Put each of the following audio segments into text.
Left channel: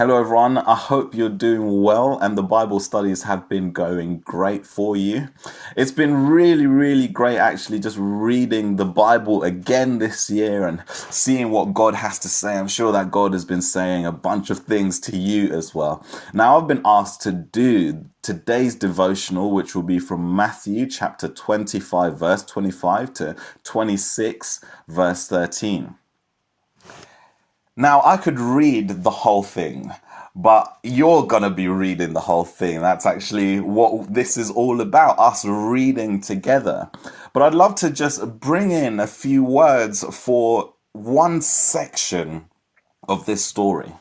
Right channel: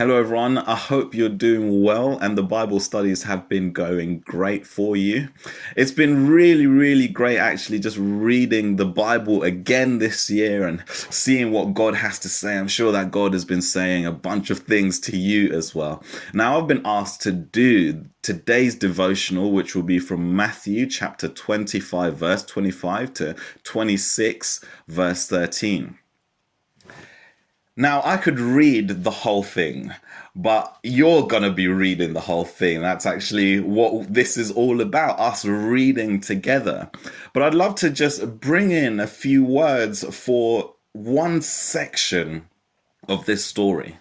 Hello, everyone. I hope you're doing well and the Bible studies have been going great for you. It's been really, really great actually just reading the Bible again this year and seeing what God has to say. I'm sure that God has been saying a bunch of things to you as well. Now, I've been asked to do today's devotional, which will be from Matthew chapter 25, verse 25 to 26, verse 13. Now, I could read the whole thing, but you're going to be reading the whole thing. That's actually what this is all about, us reading together. But I'd love to just bring in a few words for one section of this story.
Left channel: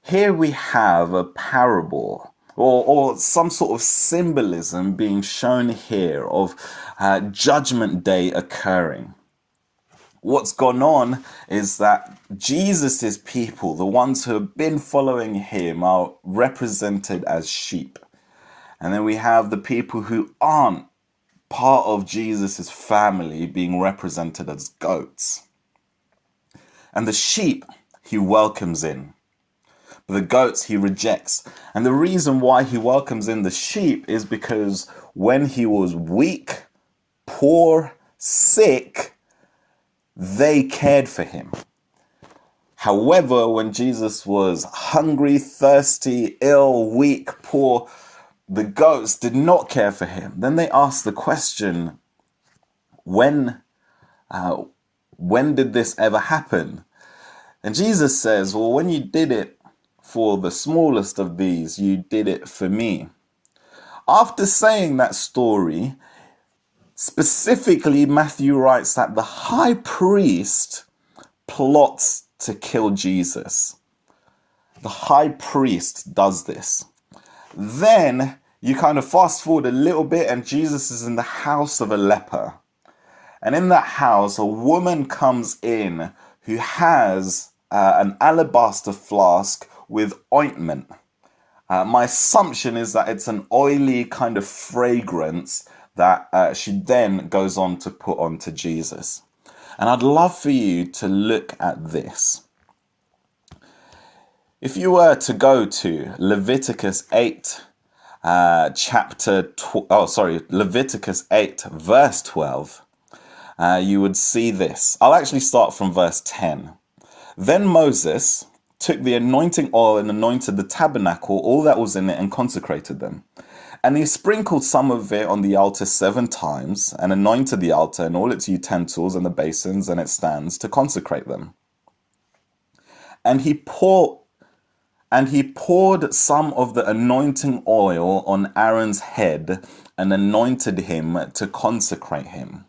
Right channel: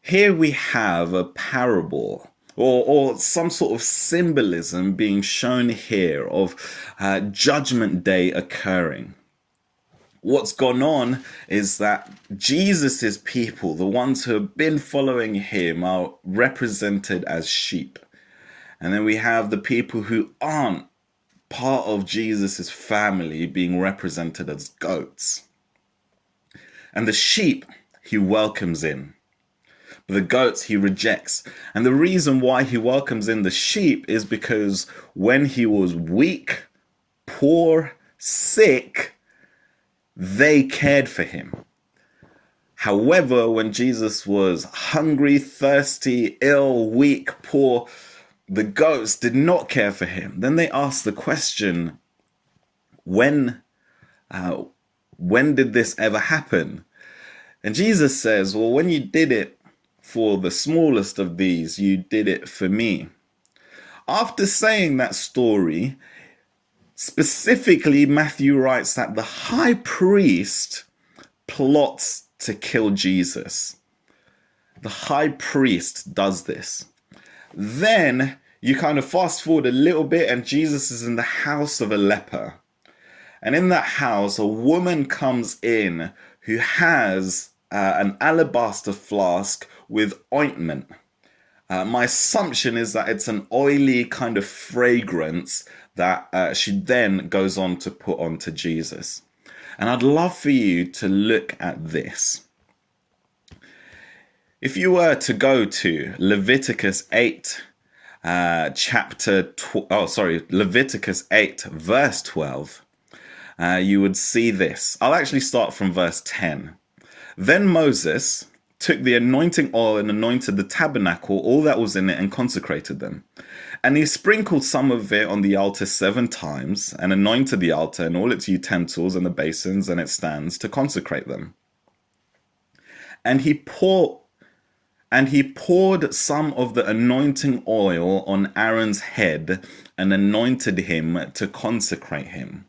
Here we have a parable or some sort of symbolism being shown here of Judgment Day occurring. What's gone on is that Jesus's people, the ones who have been following him, are represented as sheep. And then we have the people who aren't part of Jesus's family being represented as goats. And the sheep he welcomes in, but the goats he rejects. And the reason why he welcomes in the sheep is because when he was weak, poor, sick, they cared for him. However, when Jesus was hungry, thirsty, ill, weak, poor, the goats did not care for him. Then they asked the question, when did this ever happen? And Jesus says, well, when you did it for the smallest of these, you did it for me. After saying that story, specifically, Matthew writes that the high priest plots to kill Jesus. The high priest does this. Then you kind of fast forward a little bit and Jesus is in the house of a leper. And in that house, a woman comes in who has an alabaster flask with ointment. My assumption is that it's an oily kind of fragrance that she then goes on to put onto Jesus. And I'd love for you to look at this. If you were to go to Leviticus 8, Leviticus 8, verse 12, you would see this. I'll actually start from verse 10. Then Moses took the anointing oil and anointed the tabernacle, all that was in it, and consecrated them. And he sprinkled some of it on the altar 7 times, and anointed the altar and all its utensils and the basins and its stands to consecrate them. And he poured some of the anointing oil on Aaron's head and anointed him to consecrate him.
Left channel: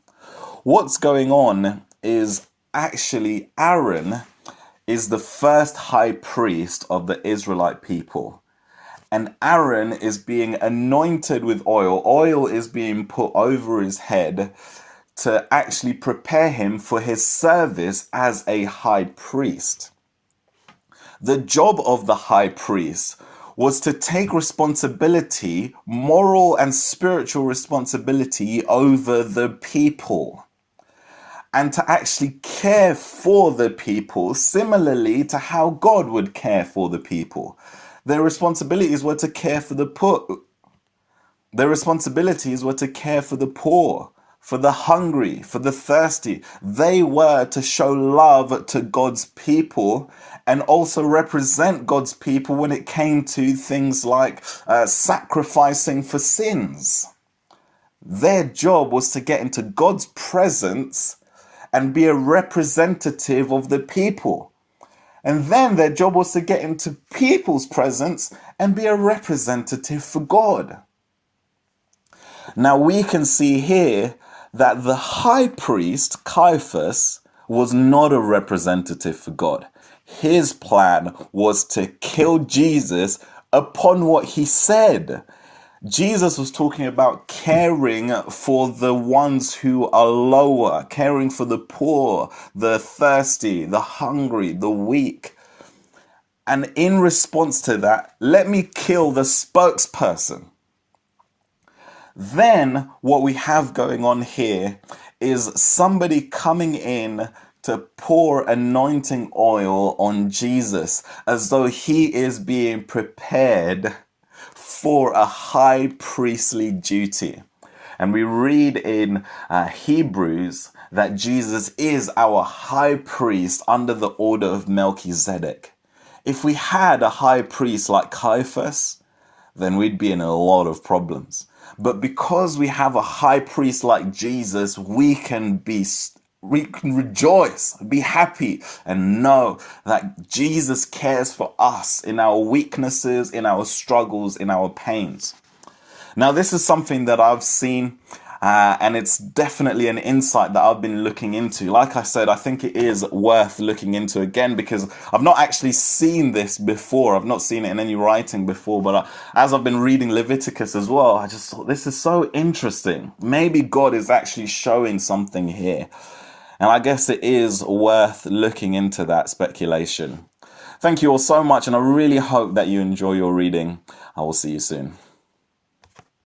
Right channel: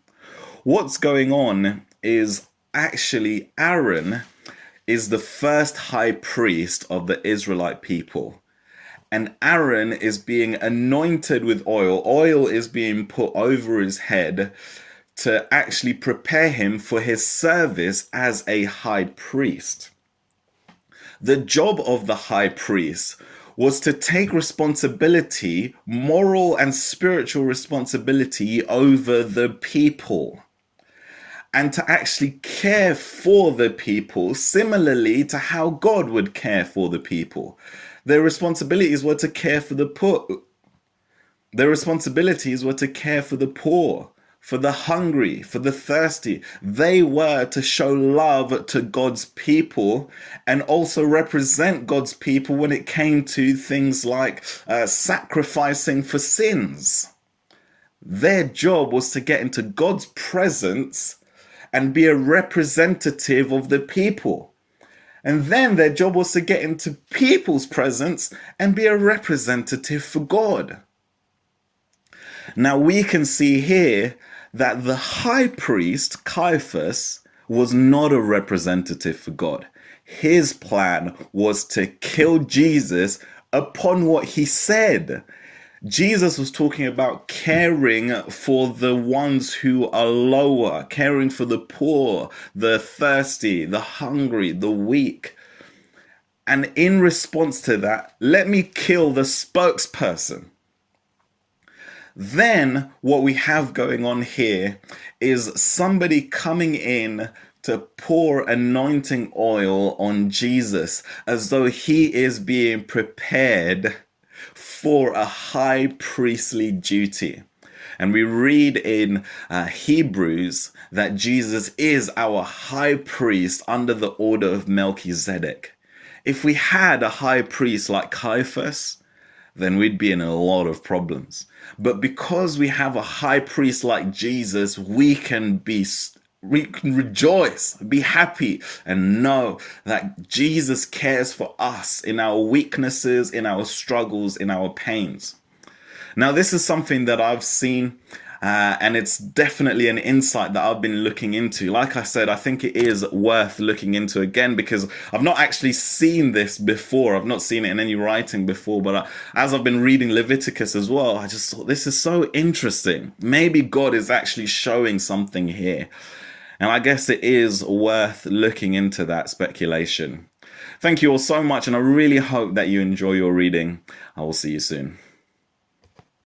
What's going on is actually Aaron is the first high priest of the Israelite people. And Aaron is being anointed with oil. Oil is being put over his head to actually prepare him for his service as a high priest. The job of the high priest was to take responsibility, moral and spiritual responsibility over the people, and to actually care for the people similarly to how God would care for the people. Their responsibilities were to care for the poor. Their responsibilities were to care for the poor, for the hungry, for the thirsty. They were to show love to God's people and also represent God's people when it came to things like sacrificing for sins. Their job was to get into God's presence and be a representative of the people. And then their job was to get into people's presence and be a representative for God. Now we can see here that the high priest, Caiaphas, was not a representative for God. His plan was to kill Jesus upon what he said. Jesus was talking about caring for the ones who are lower, caring for the poor, the thirsty, the hungry, the weak. And in response to that, let me kill the spokesperson. Then what we have going on here is somebody coming in to to pour anointing oil on Jesus as though he is being prepared for a high priestly duty. And we read in Hebrews that Jesus is our high priest under the order of Melchizedek. If we had a high priest like Caiaphas, then we'd be in a lot of problems. But because we have a high priest like Jesus, we can rejoice, be happy, and know that Jesus cares for us in our weaknesses, in our struggles, in our pains. Now, this is something that I've seen, and it's definitely an insight that I've been looking into. Like I said, I think it is worth looking into again because I've not actually seen this before. I've not seen it in any writing before, but as I've been reading Leviticus as well, I just thought this is so interesting. Maybe God is actually showing something here. And I guess it is worth looking into that speculation. Thank you all so much, and I really hope that you enjoy your reading. I will see you soon.